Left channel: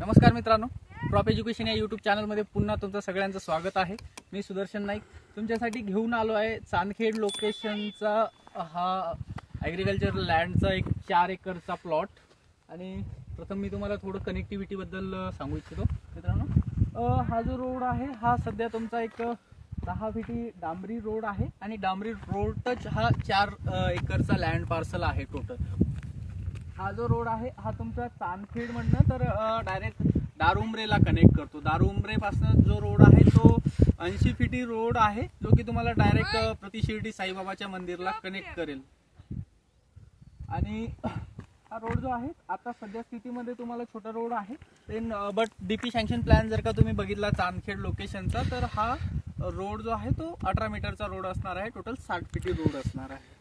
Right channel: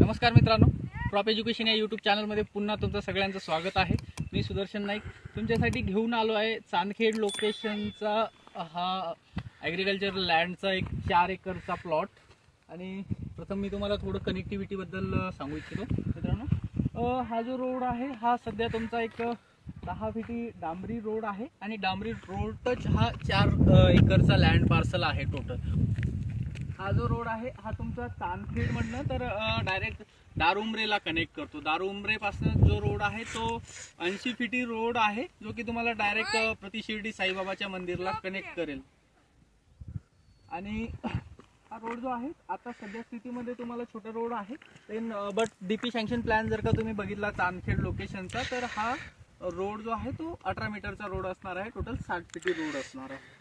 नमस्कार मित्रांनो, prop education या यूट्यूब चॅनलमध्ये पुन्हा तुमचं सगळ्यांचं स्वागत आहे। मी सुदर्शन नाईक तुमच्यासाठी घेऊन आलो आहे चांदखेड लोकेशनचा हा ॲग्रिकल्चर लँडचा एक 4 एकरचा प्लॉट। आणि प्रथम मी तुम्हाला थोडं कनेक्टिव्हिटी बद्दल सांगू इच्छितो मित्रांनो। हा जो रोड आहे हा सध्या तुमचा एक 10 फीटी डांबरी रोड आहे आणि डांबरी रोड टच हा 4 एकरचा लँड पार्सल आहे टोटल। हा जो रोड आहे हा तुमचा चांदखेड मधनं तर डायरेक्ट दारुमरेला कनेक्ट करतो। दारुमरे पासून जो रोड आहे तो 80 फीटी रोड आहे, जो की तुम्हाला डायरेक्ट प्रति शिर्डी साईबाबाच्या मंदिरला कनेक्ट करेल। आणि हा रोड जो आहे आता सध्या स्थितीमध्ये तुम्हाला छोटा रोड आहे, बट डीपी सँक्शन प्लॅन जर का तुम्ही बघितला चांदखेड लोकेशनचा तर हा रोड जो आहे तो 18 मीटरचा रोड असणार आहे, टोटल 60 फीटी रोड असणार आहे।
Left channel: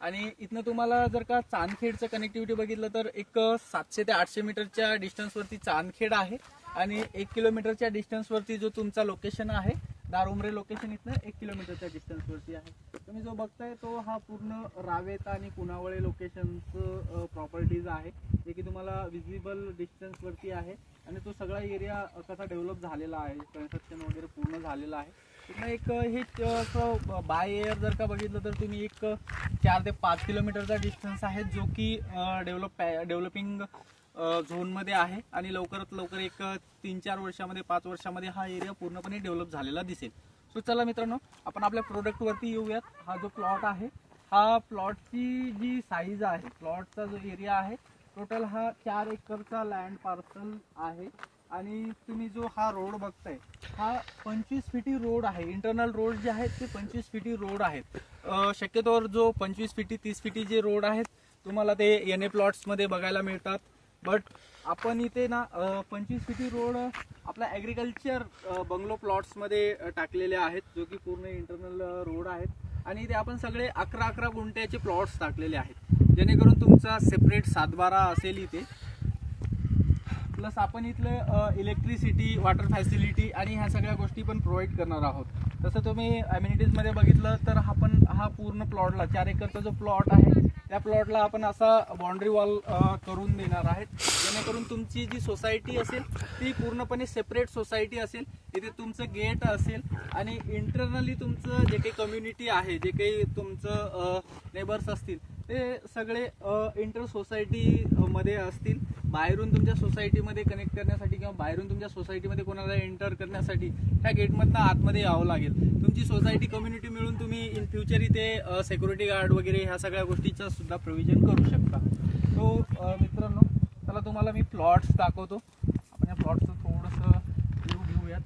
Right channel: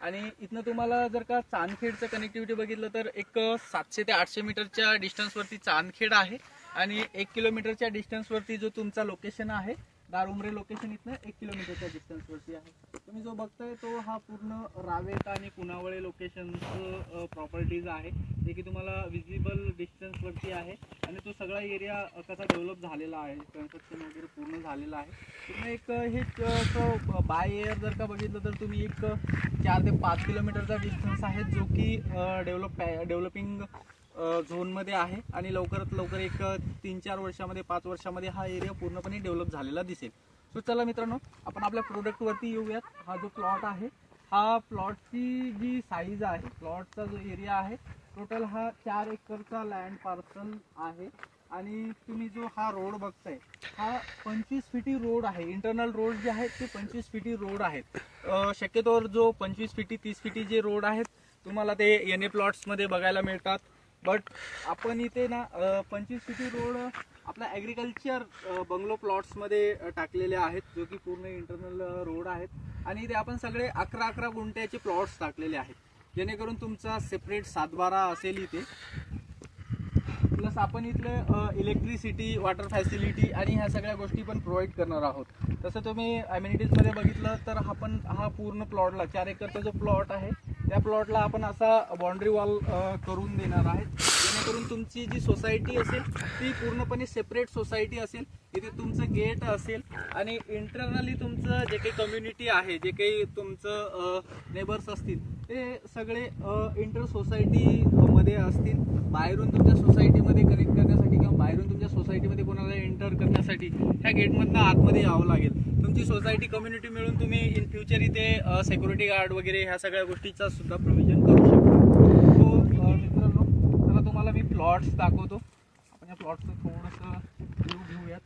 आणि इथनं तुम्हाला जर का चांदखेडचं कनेक्टिव्हिटी बघितलं तर एक 700 ते 800 मीटरच्या डिस्टन्सवरती चांदखेड आहे आणि 1 किलोमीटरच्या डिस्टन्सवरती जो तुमचा लोकेशन आहे दारुमरे लोकेशन इथनं 1 किलोमीटरच्या डिस्टन्सवरती आहे। तुम्ही जो बघताय तो हा पूर्ण रावेत आणि कुणावळे लोकेशनचं प्रॉपर्टीज आहे, जे की तुम्हाला विजिबल डिस्टन्सवरती आहे। आणि तो सगळा एरिया कसा डेव्हलप झालेला आहे, कन्स्ट्रक्शन वगैरे पूर्ण झालेलं आहे। तिथनं एक हे बाय एअर जर का बघितलं तर तुम्ही एक 4 ते 5 किलोमीटरचा डिस्टन्स आहे, जो की डेव्हलपिंग झोनमध्ये आहे आणि लवकरात लवकर एक 3-4 वर्षामध्ये 5 वर्षामध्ये हा एरिया पूर्णपणे डेव्हलप झालेला दिसेल। सो चला मित्रांनो, आपण आपल्या प्रोडक्टवरती येऊयात। हा जो प्लॉट आहे हा प्लॉटची जी साईज आहे, प्लॉटचा जो एरिया आहे टोटल हा 4 एकरचा लँड पार्सल आहे। आणि तुम्ही जो हा रोड बघताय हा 25 फीटी रोड आहे। इंटरनल रोड जे आहेत ते 25 फीटी रोड आहेत। शक्यतोवर जो 25 फीटी 30 फीटी जे रोड आहेत तुम्हाला ते एनए प्लॉट्समध्ये बघायला मिळतात, बट आपण इथे ना 25 फीटी रोड आपला ॲग्रिकल्चर बंगलो प्लॉट्समध्ये टाकलेले आहेत, जो की पूर्ण इंटरनल रोड आहेत। आणि इथे आपण सगळे 11-11 गुंठ्याचे प्लॉट्स टाकलेले आहेत, जेणेकरून तुमचा सेपरेट 7-12 असेल इथे। प्लस आपण इथले इलेक्ट्रिसिटी, वॉटर फॅसिलिटी आणि ह्या सगळ्या गोष्टी पण प्रोव्हाइड करणार आहोत। तसं तुम्ही अमेनिटीजमध्ये बघितलं तर हा पूर्ण प्लॉटला 4 एकरचा जो प्लॉट आहे त्या प्लॉटला आपण असा बाउंड्री वॉल करून देणार आहेत, जेणेकरून तुमची जी सोसायटी असेल ती पूर्णपणे सेपरेट सोसायटी असेल। इथे तुमचं गेट असेल आणि इंटरनली तुमचं जे काही कम्युनिटी आहे, जे काही तुमचं नेबर्स असतील ते सगळे इंटर सोसायटीमध्ये असतील। बाहेरून तुमच्या सोसायटीमध्ये कनेक्ट करण्यासाठी किंवा बाहेरून तुमच्या सोसायटीमध्ये कोणाला एंटर करण्यासाठी ह्या गेटमधनं आतमध्ये यावं लागेल। तुमची सोसायटी कम्युनिटी मिळून तुम्ही इन फ्युचर इथे सिक्युरिटी गार्ड वगैरे ह्या सगळ्या गोष्टीचा सुद्धा प्रोव्हिजन करू शकता। तो मित्रांनो, चला तुम्हाला मी प्लॉट्स दाखवतो। आपण या प्लॉटचं थोडंसं व्ह्यू घेऊयात।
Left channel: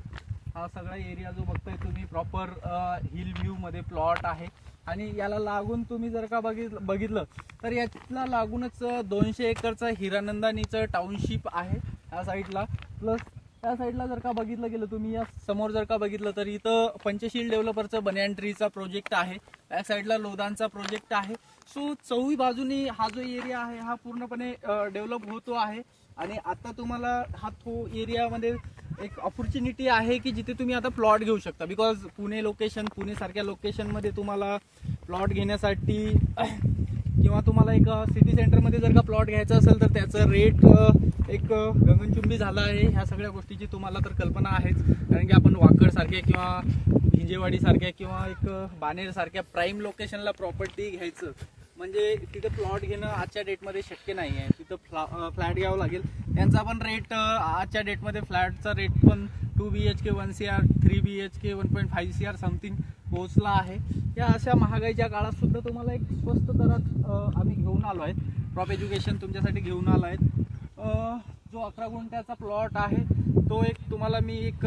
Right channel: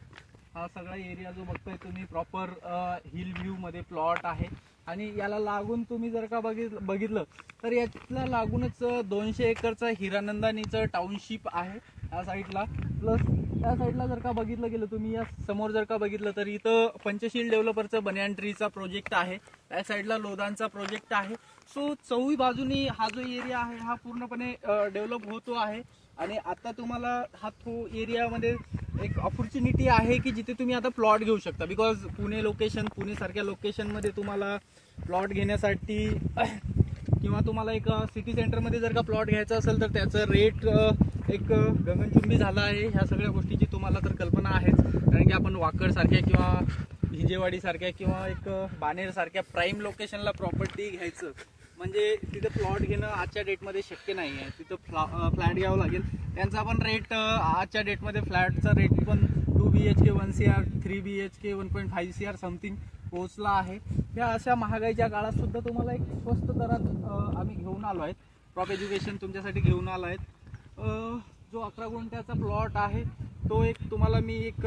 हा सगळा एरिया जो बघताय तुम्ही प्रॉपर हिल व्ह्यूमध्ये प्लॉट आहे आणि याला लागून तुम्ही जर का बघितलं तर याला लागूनच 200 एकरचा हिरानंदानीचं टाउनशिप आहे या साईडला। प्लस त्या साईडला जर का बघितलं गेलं तुम्ही या समोर जर का बघितलं तर इथं पंचशील डेव्हलपरचं बनियान ट्रीचा प्रोजेक्ट आहे, त्या साईडला लोदांचा प्रोजेक्ट आहे। सो चौही बाजूनी हा जो एरिया आहे हा पूर्णपणे डेव्हलप होतो आहे। आणि आता तुम्हाला हा तो एरियामध्ये एक ऑपॉर्च्युनिटी आहे की जिथे तुम्ही आता प्लॉट घेऊ शकता, बिकॉज पुणे सारख्या लोकेशनमध्ये तुम्हाला प्लॉट घेण्यासाठी किंवा तुम्हाला एक सिटी सेंटरमध्ये जर का प्लॉट घ्यायचा असेल तर त्याचं रेट एक गगनचुंबी झालं आहे। ह्या सगळ्या गोष्टीची तुम्हाला तर कल्पना आहेच, कारण की आपण वाकड सारख्या किंवा हिंजेवाडी सारख्या किंवा एक बानेर सारख्या प्राईम लोकेशनला प्रॉपर्टी घ्यायचं म्हणजे तिथे प्लॉट घेणं आजच्या डेटमध्ये शक्य नाही आहे। तिथं फ्लॅट घ्यावं लागेल। त्यांचा पण रेट आजच्या डेटमध्ये फ्लॅटचा रेट पण 2 BHK 1 CR, 3 BHK 1.5 CR something पोहोचला आहे। या अशा महागाईच्या काळात सुद्धा तुम्हाला एक स्वस्त दरात आम्ही घेऊन आलो आहे, प्रॉप एज्युकेशन तुमच्यासाठी घेऊन आलो आहे। जो 11 गुंठ्याचा प्लॉट आहे तो एक तुम्हाला मी एक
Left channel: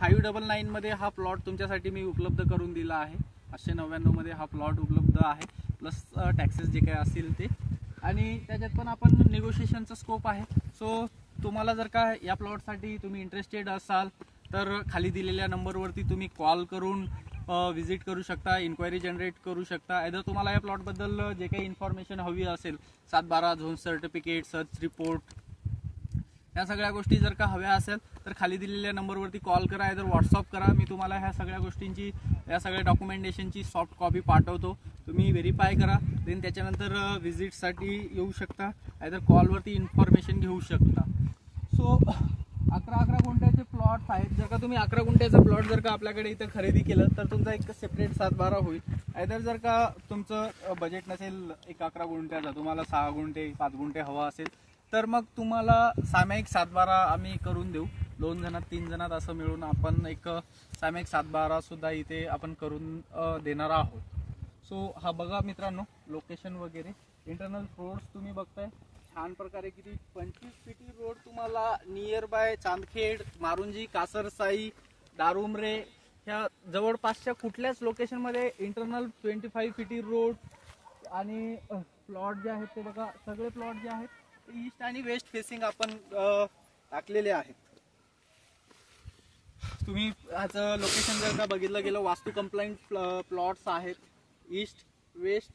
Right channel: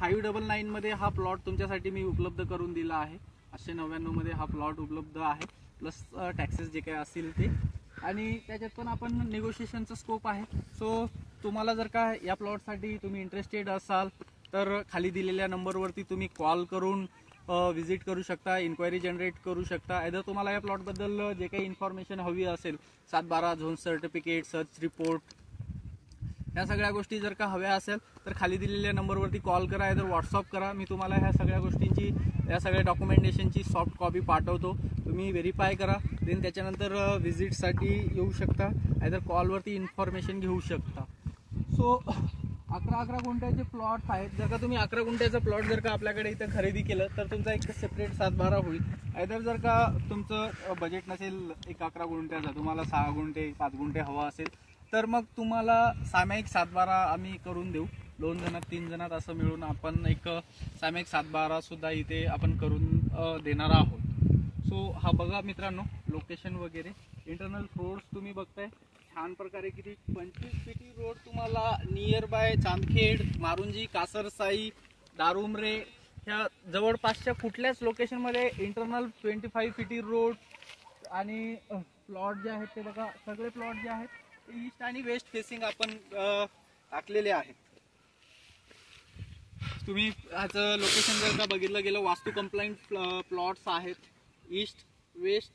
599 मध्ये हा प्लॉट तुमच्यासाठी मी उपलब्ध करून दिला आहे। 899 मध्ये हा प्लॉट उपलब्ध आहे, प्लस टॅक्सेस जे काही असतील ते। आणि त्याच्यात पण आपण निगोशिएशनचा स्कोप आहे। सो तुम्हाला जर का या प्लॉटसाठी तुम्ही इंटरेस्टेड असाल तर खाली दिलेल्या नंबरवरती तुम्ही कॉल करून विजिट करू शकता, इन्क्वायरी जनरेट करू शकता। आयदर तुम्हाला या प्लॉटबद्दल जे काही इन्फॉर्मेशन हवी असेल, 7-12 झोन सर्टिफिकेट, सर्च रिपोर्ट, या सगळ्या गोष्टी जर का हव्या असेल तर खाली दिलेल्या नंबरवरती कॉल करा, आयदर व्हॉट्सअप करा। मी तुम्हाला ह्या सगळ्या गोष्टींची, या सगळ्या डॉक्युमेंटेशनची सॉफ्ट कॉपी पाठवतो, तुम्ही व्हेरीफाय करा। देन त्याच्यानंतर व्हिजिटसाठी येऊ शकता, आयदर कॉलवरती इन्फॉर्मेशन घेऊ शकता। सो 11 गुंठ्याचे प्लॉट्स आहेत. जर का तुम्ही 11 गुंठ्याचा प्लॉट जर का आपल्याकडे इथं खरेदी केलं तर तुमचा एक सेपरेट 7-12 होईल. आयदर जर का तुमचं बजेट नसेल एक 11 गुंठ्याचा, तुम्हाला 6 गुंठे 5 गुंठे हवा असेल तर मग तुम्हाला सामायिक 7-12 आम्ही करून देऊ. 2 जणात 3 जणात असं मिळून आपण एक सामायिक 7-12 सुद्धा इथे आपण करून देणार आहोत. सो हा बघा मित्रांनो लोकेशन वगैरे, इंटरनल रोड्स तुम्ही बघताय छान प्रकारे. किती 25 फीटी रोड तुम्हाला नियर बाय चांदखेड, मारुंजी, कासरसाई, दारुमरे ह्या जवळपासच्या कुठल्याच लोकेशनमध्ये इंटरनल 25 फीटी रोड आणि प्लॉट जे आहेत ते बघा, सगळे प्लॉट जे आहेत ते ईस्ट आणि वेस्ट फेसिंग आपण टाकलेले आहेत. तुम्ही ह्याचं लोकेशन जर का बघितलं गेलं, वास्तू कंप्लायंट प्लॉट्स आहेत east, west,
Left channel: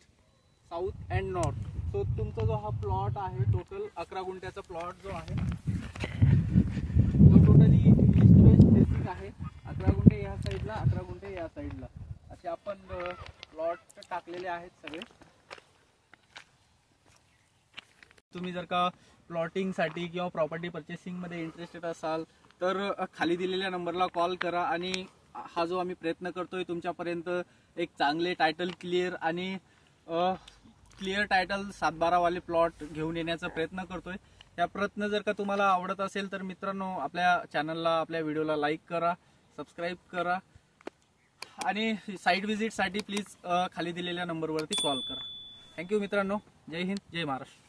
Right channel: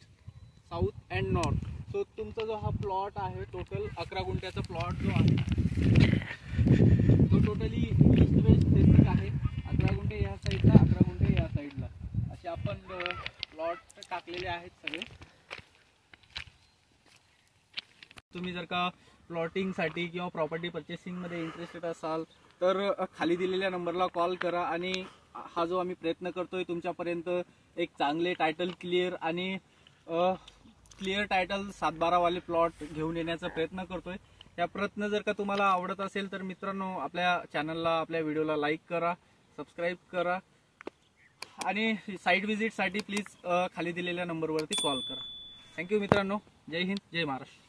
south and north. So तुमचा जो हा प्लॉट आहे टोटल 11 गुंठ्याचा प्लॉट जो आहे तो टोटली ईस्ट वेस्ट फेसिंग आहे. 11 गुंठे या साईडला, 11 गुंठे या साईडला असे आपण प्लॉट टाकलेले आहेत सगळे. तुम्ही जर का प्लॉटिंगसाठी किंवा प्रॉपर्टी पर्चेसिंगमध्ये इंटरेस्टेड असाल तर खाली दिलेल्या नंबरला कॉल करा आणि हा जो आम्ही प्रयत्न करतोय तुमच्यापर्यंत एक चांगले टायटल क्लिअर आणि क्लिअर टायटल 7-12 वाले प्लॉट घेऊन येण्याचा प्रयत्न करतोय. या प्रयत्न जर का तुम्हाला आवडत असेल तर मित्रांनो आपल्या चॅनलला, आपल्या व्हिडिओला लाईक करा, सबस्क्राईब करा आणि साईट व्हिजिटसाठी प्लीज खाली दिलेल्या नंबरवरती कॉल करा. थँक्यू मित्रांनो. जय हिंद, जय महाराष्ट्र.